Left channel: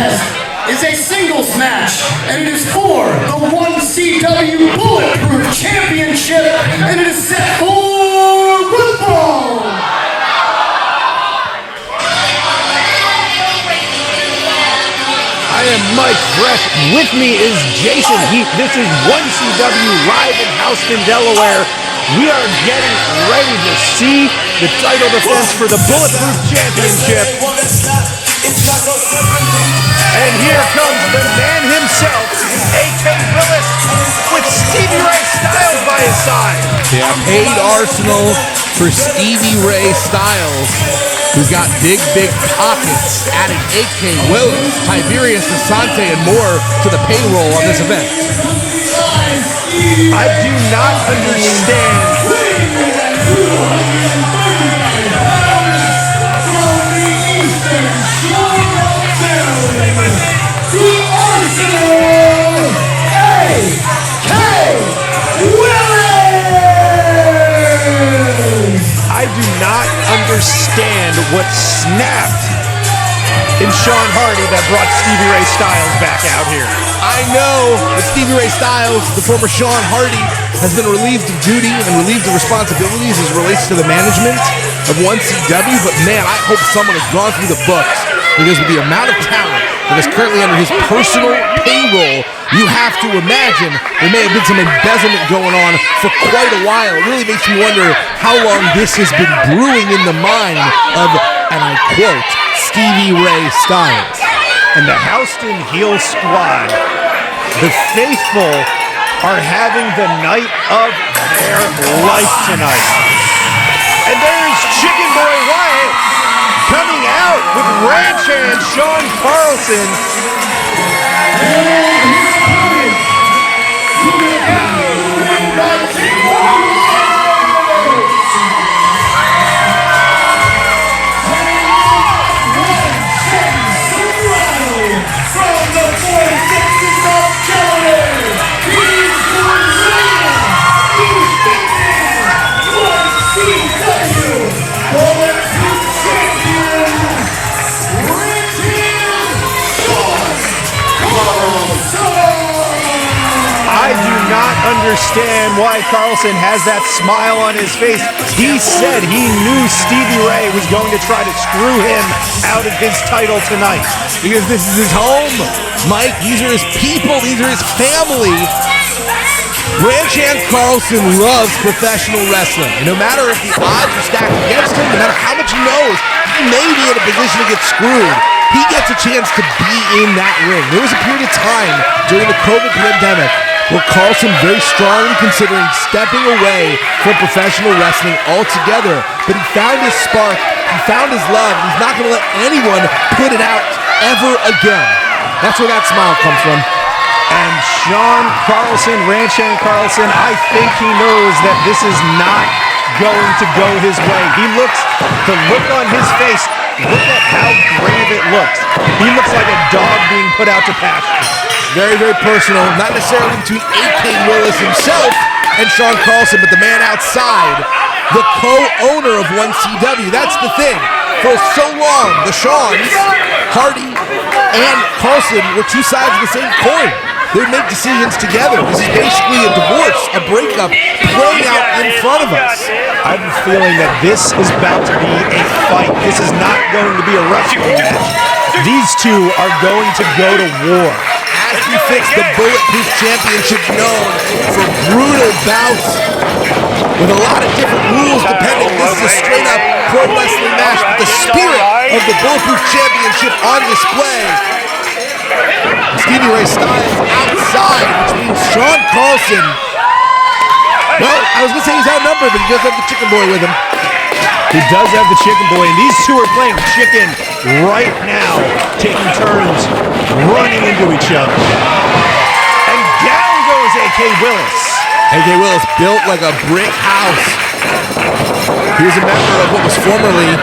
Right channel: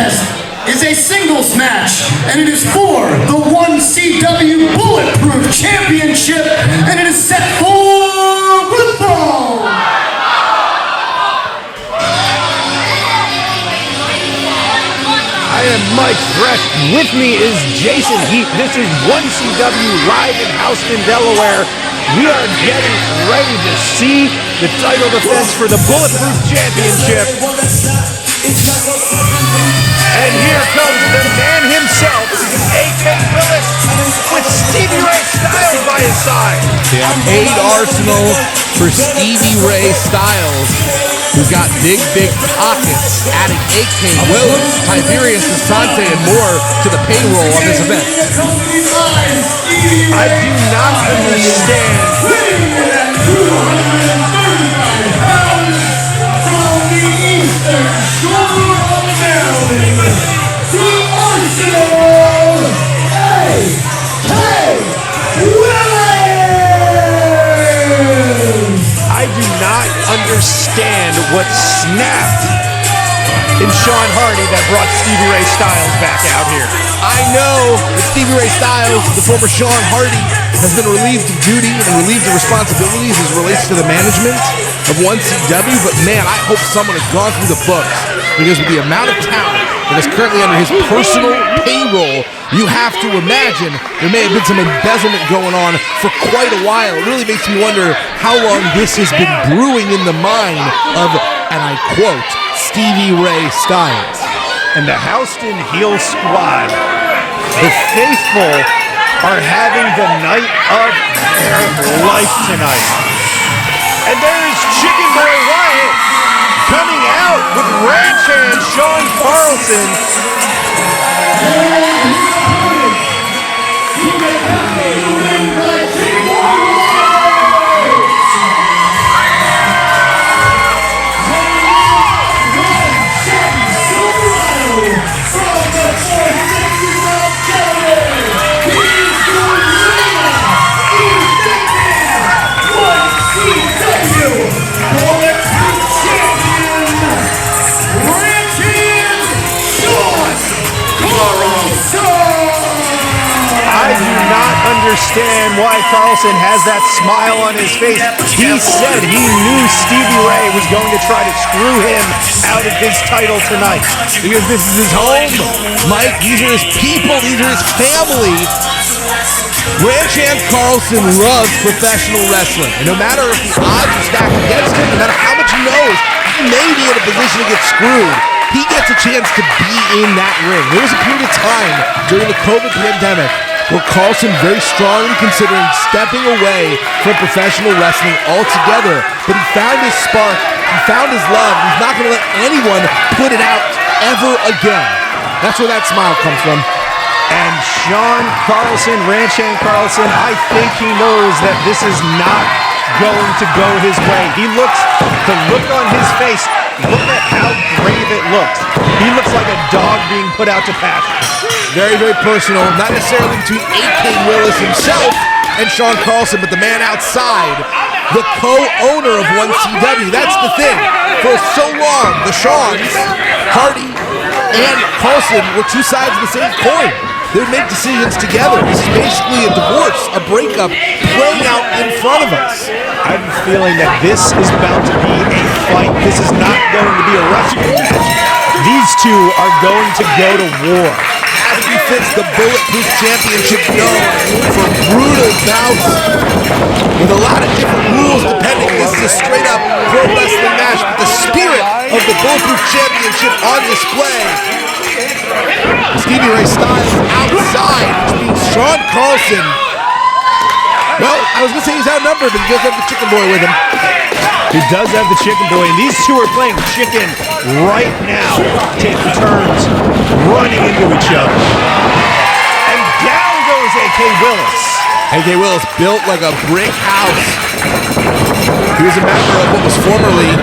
contest is a singles match, and it is for the 1CW Bulletproof Championship, and it is set for football. I am Mike Fresh. With me is Jason Heath. This is 1CW live in Houston, Delaware. We are getting ready to see the title defense for the Bulletproof Championship. And here comes the man himself, A.K. Willis, with Stevie Ray Styles by his side. Yeah, paid Arsenal for Stevie Ray Styles, who's got big pockets, adding A.K. Willis, Tiberius DeSante, and more to the payroll on this event. I do not understand. I do not understand what snapped in Shawn that brought Stevie Ray Styles back out here. I know that Stevie Ray Styles, the former Shawn Hardy, has been relieved of duty and relieved of responsibilities as it relates to the management of 1CW, but man, I hope someone has gone through the books, because with the amount of talent that is currently under his personal payroll, you have to imagine there may have been some embezzlement going on for quite a while. It really makes me wonder how long this has been brewing in the mind of, and I quote, Stevie Ray Styles. And the Houston Heel Squad, the faithful, are having the night of their life tonight. And there's Chicken Boy Wyatt coming out with ranch hand Shawn Carlson. I do not understand why Carlson has that smile on his face. He said he knew Stevie Ray was going to try to screw him out of his title tonight. Because this is his home, Mike. These are his people. These are his family. Ranch hand Carlson loves professional wrestling. And no matter if the odds are stacked against him, no matter how much he knows, he may be in a position to get screwed. He gets a chance to be in that ring. There was a period of time during the COVID pandemic where Carlson very strongly considering stepping away from professional wrestling altogether. But he found his spark, he found his love, and he's not going to let anyone put it out ever again. That's where that smile comes from. And Shawn Carlson, Ranch Hand Carlson, I think he knows that this is not going to go his way. He looks, the look on his face, look at how grave it looks. He looks like a dog being put out to pasture. Very personal, not necessarily between A.K. Willis himself and Shawn Carlson, but the man outside, the co-owner of 1CW. That's the thing. For so long, the Shawns, Hardy, and Carlson were two sides of the same coin. They would make decisions together. This is basically a divorce, a breakup, playing out in front of us. I have a feeling that this is about to be a fight. This is not going to be a wrestling match. These two are going to go to war. As befits the Bulletproof Championship, known for brutal bouts with a lot of different rules depending. This is a straight up pro wrestling match, but the spirit of the Bulletproof Championship on display. Stevie Ray Styles outside, which means Shawn Carlson, well, I was going to say he's outnumbered, but he does have the Chicken Boy with him. He does have the Chicken Boy, and these two are playing chicken right now, taking turns, running into each other. And down goes A.K. Willis. A.K. Willis built like a brick house. He was a member of what was formerly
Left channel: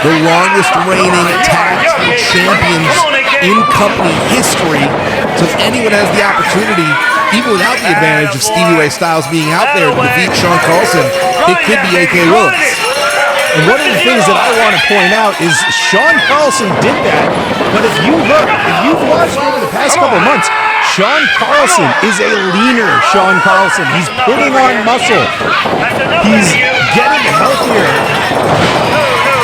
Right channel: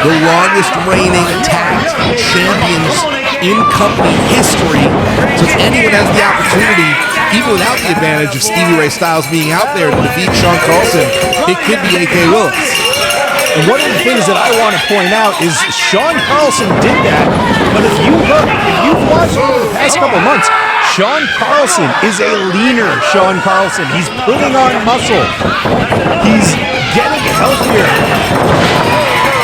the longest reigning tag team champions in company history. So if anyone has the opportunity, even without the advantage of Stevie Ray Styles being out there to defeat Shawn Carlson, it could be A.K. Willis. And one of the things that I want to point out is Shawn Carlson did that But if you've watched over the past couple of months, Shawn Carlson is a leaner Shawn Carlson. He's putting on muscle. He's getting healthier.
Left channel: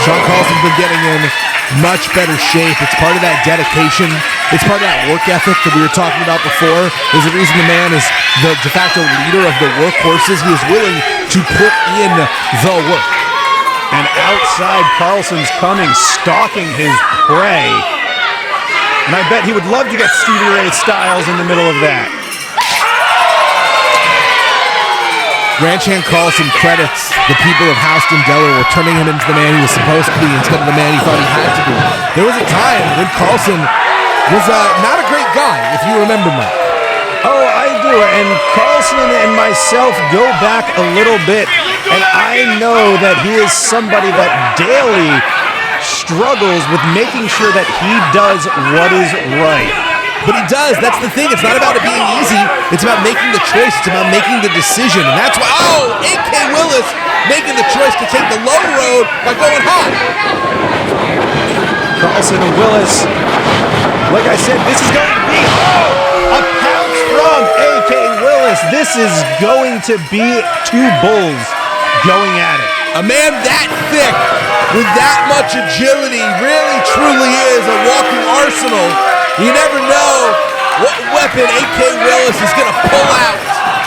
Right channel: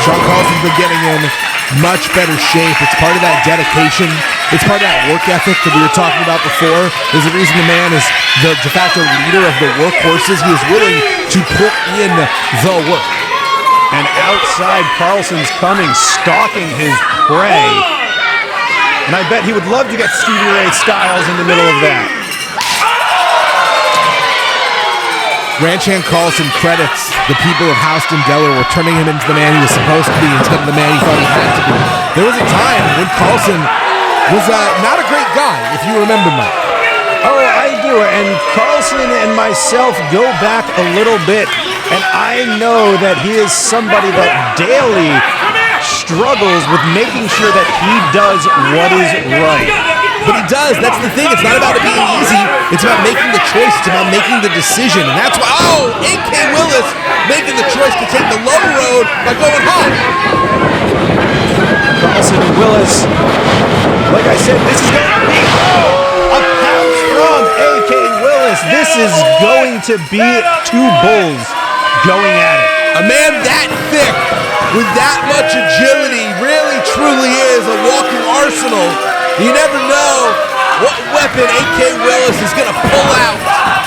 Shawn Carlson's been getting in much better shape. It's part of that dedication. It's part of that work ethic that we were talking about before. There's a reason the man is the de facto leader of the workhorses. He is willing to put in the work. And outside, Carlson's coming, stalking his prey. And I bet he would love to get Stevie Ray Styles in the middle of that. Ranch Hand Carlson credits the people of Houston, Delaware, turning him into the man he was supposed to be instead of the man he thought he had to be. There was a time when Carlson was not a great guy, if you remember, Mike. Oh, I do. And Carlson and myself go back a little bit, and I know that he is somebody that daily struggles with making sure that he does what is right. But he does. That's the thing. It's not about it being easy. It's about making the choice. It's about making the decision. And that's why, A.K. Willis making the choice to take the low road by going high. Carlson and Willis, like I said, this is going to be, a pounce from A.K. Willis. This is going to be two bulls going at it. A man that thick with that much agility really truly is a walking arsenal. You never know what weapon A.K. Willis is going to pull out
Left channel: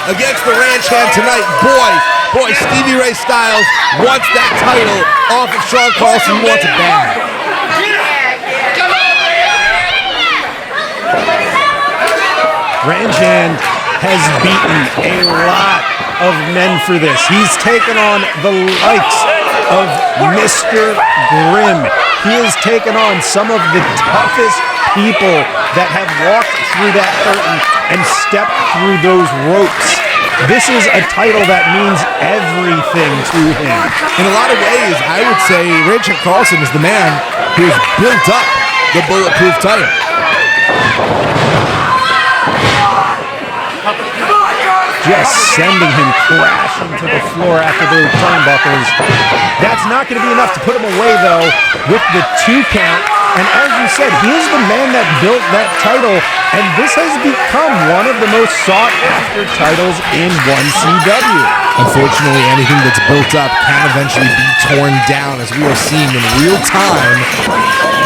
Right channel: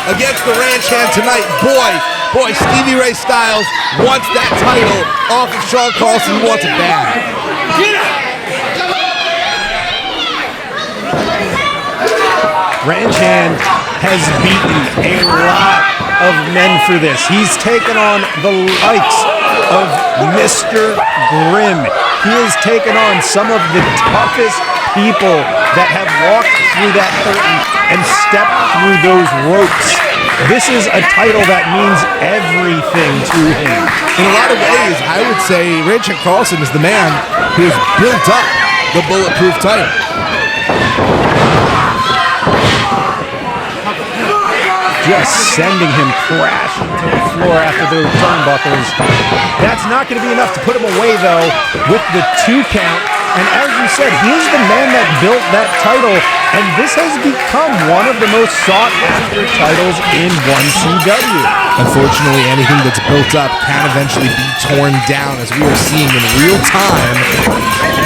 against the Ranch Hand tonight. Boy, Stevie Ray Styles wants that title off of Shawn Carlson. He wants it bad. Ranch Hand has beaten a lot of men for this. He's taken on the likes of Mr. Grimm. He has taken on some of the toughest people that have walked through that curtain and stepped through those ropes. This is a title that means everything to him. In a lot of ways, I would say Ranch Hand Carlson is the man who has built up the Bulletproof title. Just sending him crashing to the floor after those turnbuckles. That's not going to be enough to put him away, though, with the 2 count. And as you said, he is the man that built that title, and this has become one of the most sought-after titles in 1CW. Unfortunately, anything that's built up can eventually be torn down, as we are seeing in real time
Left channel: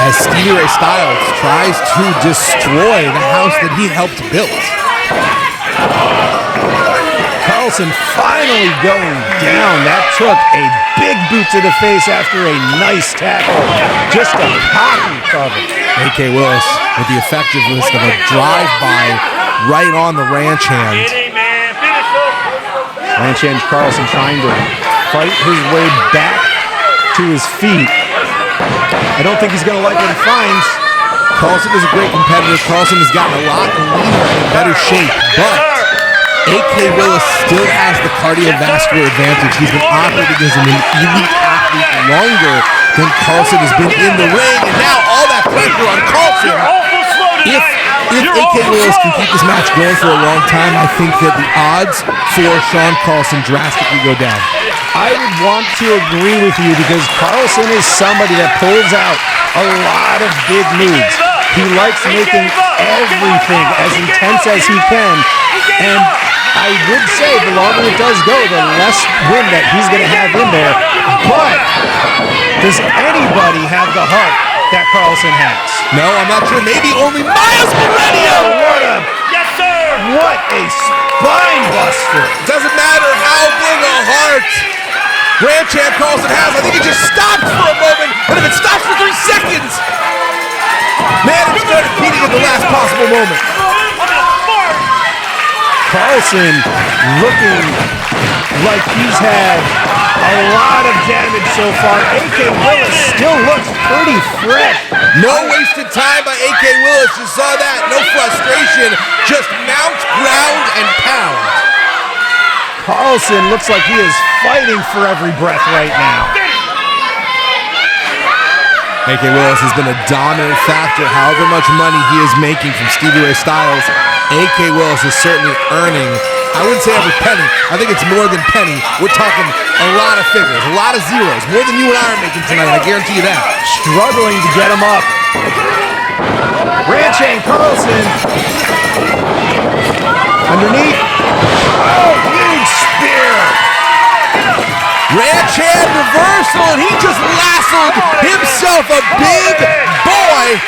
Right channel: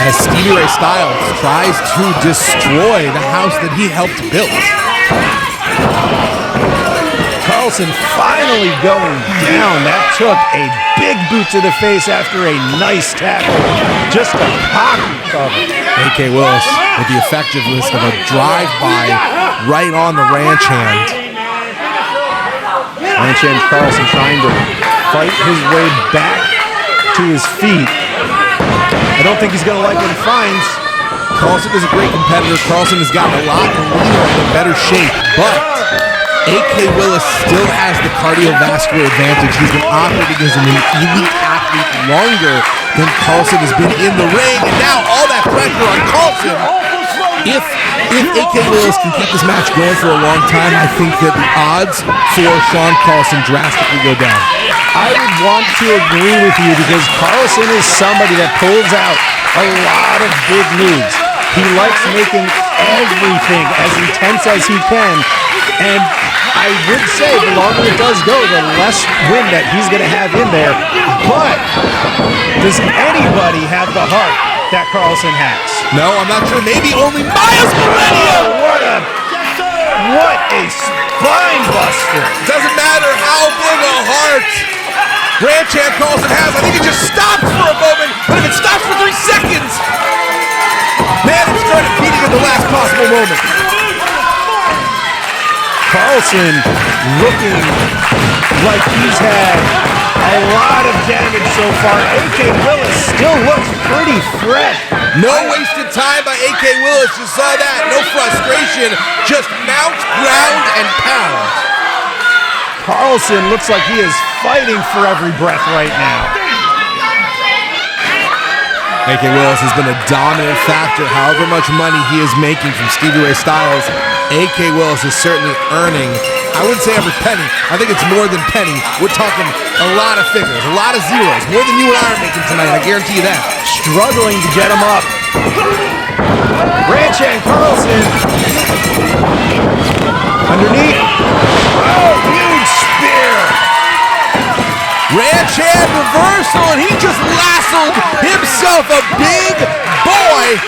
as Stevie Ray Styles tries to destroy the house that he helped build. Carlson finally going down. That took a big boot to the face after a nice tackle. Just a hockey cover. A.K. Willis with the effectiveness of a drive-by right on the Ranch Hand. Ranch Hand Carlson trying to fight his way back to his feet. I don't think he's going to like what he finds. Carlson is a great competitor. Carlson has gotten a lot leaner and in better shape, but A.K. Willis still has the cardiovascular advantage. He's been operating as an elite athlete longer than Carlson has been in the ring, and now all that pressure on Carlson. If A.K. Willis can keep this match going for a long time, I think that the odds for Shawn Carlson drastically go down. I would want to agree with you because Carlson is somebody that pulls out a lot of big moves. He likes making everything as intense as he can, and I would say the longer it does go, the less wind that he's going to have in there. But does anybody have the heart that Carlson has? No, I'm not sure. Maybe only Miles Millennium. Oh, what a spine buster. Doesn't matter how big a heart Ranch Hand Carlson has. I think it just stopped for a moment, but if it stops for 3 seconds, man, it started beating at the last possible moment. Carlson looking like he's had a lot of damage so far. A.K. Willis still looks pretty fresh. No wasted time by A.K. Willis. You saw that. No frustration. Just mount, ground, and pound. Carlson looks like he is fighting for every breath right now. A.K. Willis has been a dominant factor. However much money he is making from Stevie Ray Styles, A.K. Willis is certainly earning, I wouldn't say every penny. I think it's more than penny. We're talking a lot of figures, a lot of zeros. More than you and I are making tonight, I guarantee you that. Struggling to get him up. Ranch and Carlson. Underneath. Oh, huge spear. Ranch hand reversal, and he just lassoed himself a big boy.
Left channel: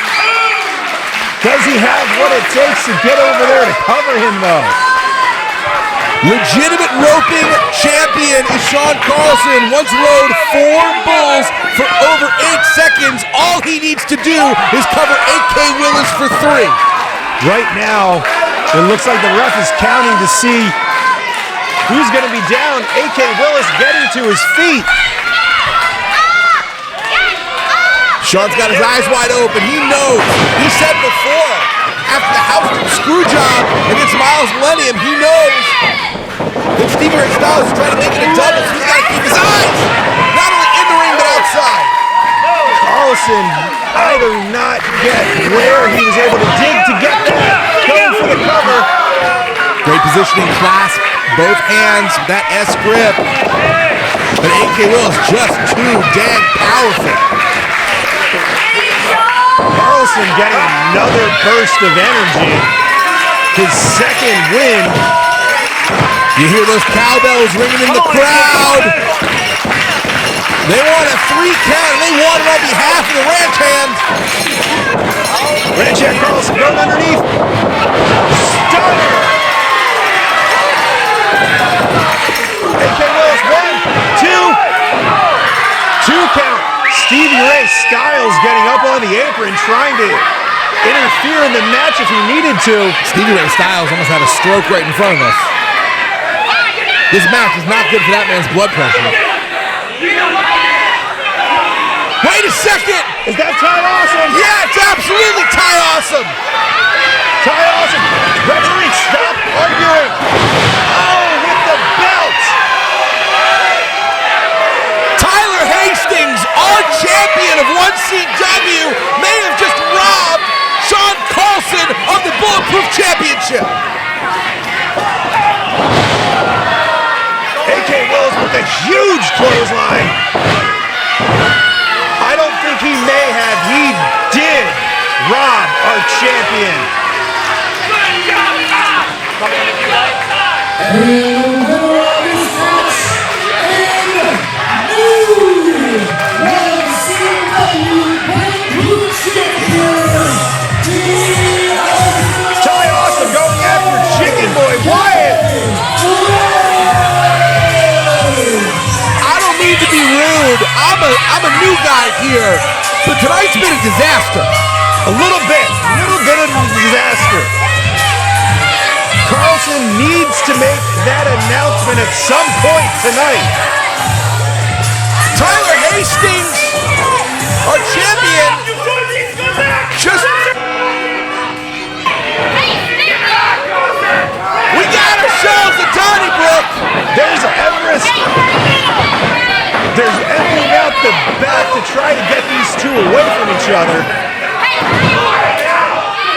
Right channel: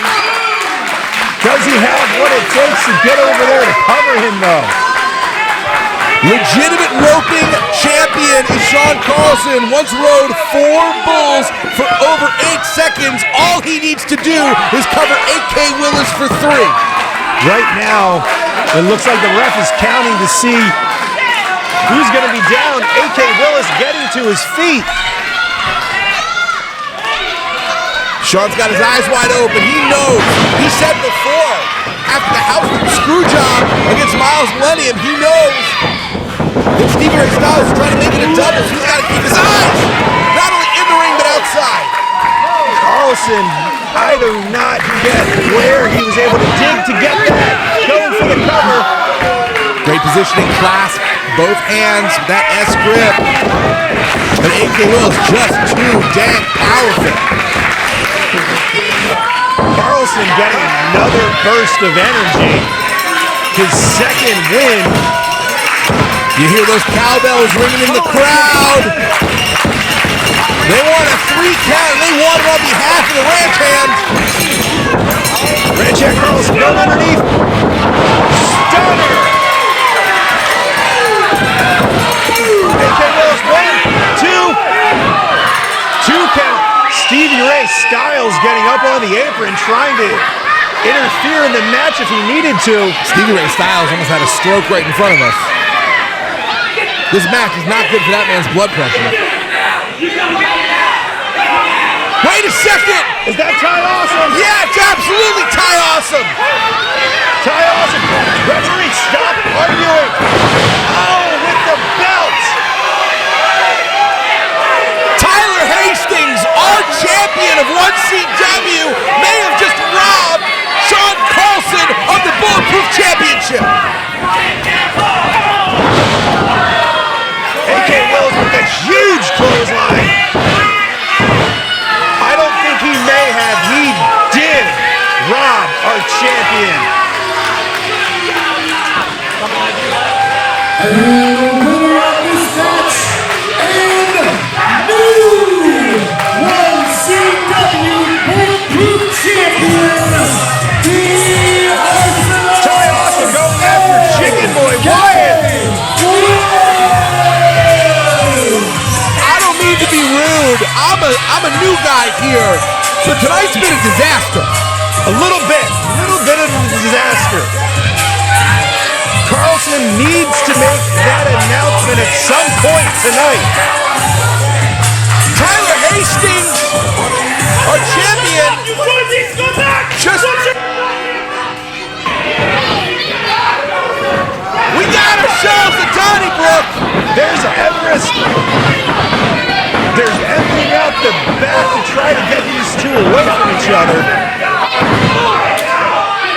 Does he have what it takes to get over there to cover him, though? Legitimate roping champion is Shawn Carlson. Once rode 4 bulls for over 8 seconds. All he needs to do is cover AK Willis for 3. Right now, it looks like the ref is counting to see who's going to be down. AK Willis getting to his feet. Shawn's got his eyes wide open. He knows. He said before, after the Houston screw job against Miles Millennium, he knows that Stevie Ray Styles is trying to make it a double, so he's got to keep his eyes not only in the ring, but outside. Carlson, I do not get where he was able to dig to get that. Going for the cover. Great positioning, clasp, both hands, that S grip. But AK Willis just too dang powerful. Carlson getting another burst of energy. His second win. You hear those cowbells ringing in the crowd. They want a 3 count, and they want it on behalf of the Ranch Hand. Ranch Hand Carlson going underneath. Stunner! AK Willis, 1, 2. 2 count. Stevie Ray Styles getting up on the apron, trying to interfere in the match if he needed to. Stevie Ray Styles almost had a stroke right in front of us. This match is not good for that man's blood pressure. Wait a second! Is that Ty Awesome? Yeah, it's absolutely Ty Awesome! Ty Awesome! Referee, stop arguing! Oh, with the belt! Tyler Hastings, our champion of 1CW, may have just robbed Shawn Carlson of the Bulletproof Championship. AK Willis with that huge clothesline. I don't think he may have. He did rob our champion. Ty Awesome going after Chicken Boy Wyatt. To be rude, I'm a new guy here, but tonight's been a disaster. A little bit of a disaster. Carlson needs to make that announcement at some point tonight. Tyler Hastings, our champion, just... We got ourselves a Donnybrook. There's Everest. There's emptying out the back to try to get these two away from each other.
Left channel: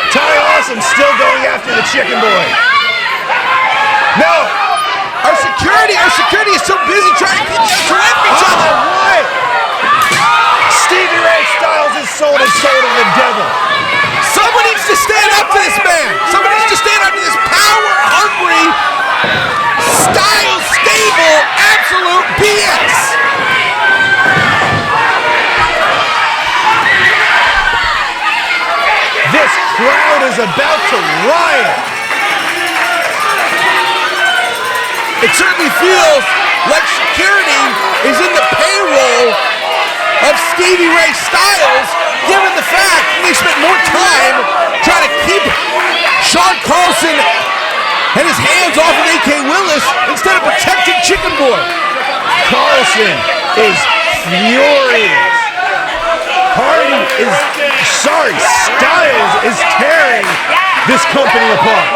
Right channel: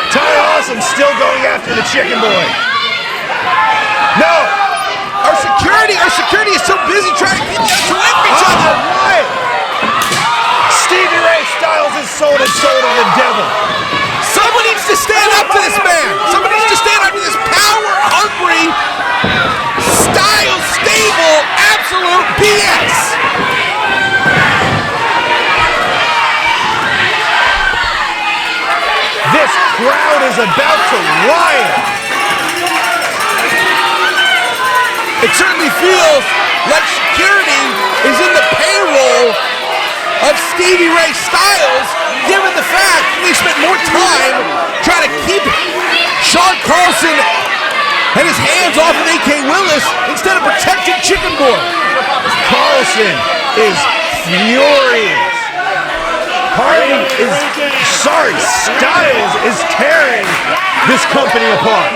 Ty Awesome still going after the Chicken Boy. No! Our security is so busy trying to keep them away from each other. What? Stevie Ray Styles has sold his soul to the devil. Someone needs to stand up to this man. Someone needs to stand up to this power-hungry, style-stable, absolute BS. This crowd is about to riot. It certainly feels like security is in the payroll of Stevie Ray Styles, given the fact they spent more time trying to keep Shawn Carlson and his hands off of AK Willis instead of protecting Chicken Boy. Carlson is furious. Styles is tearing this company apart.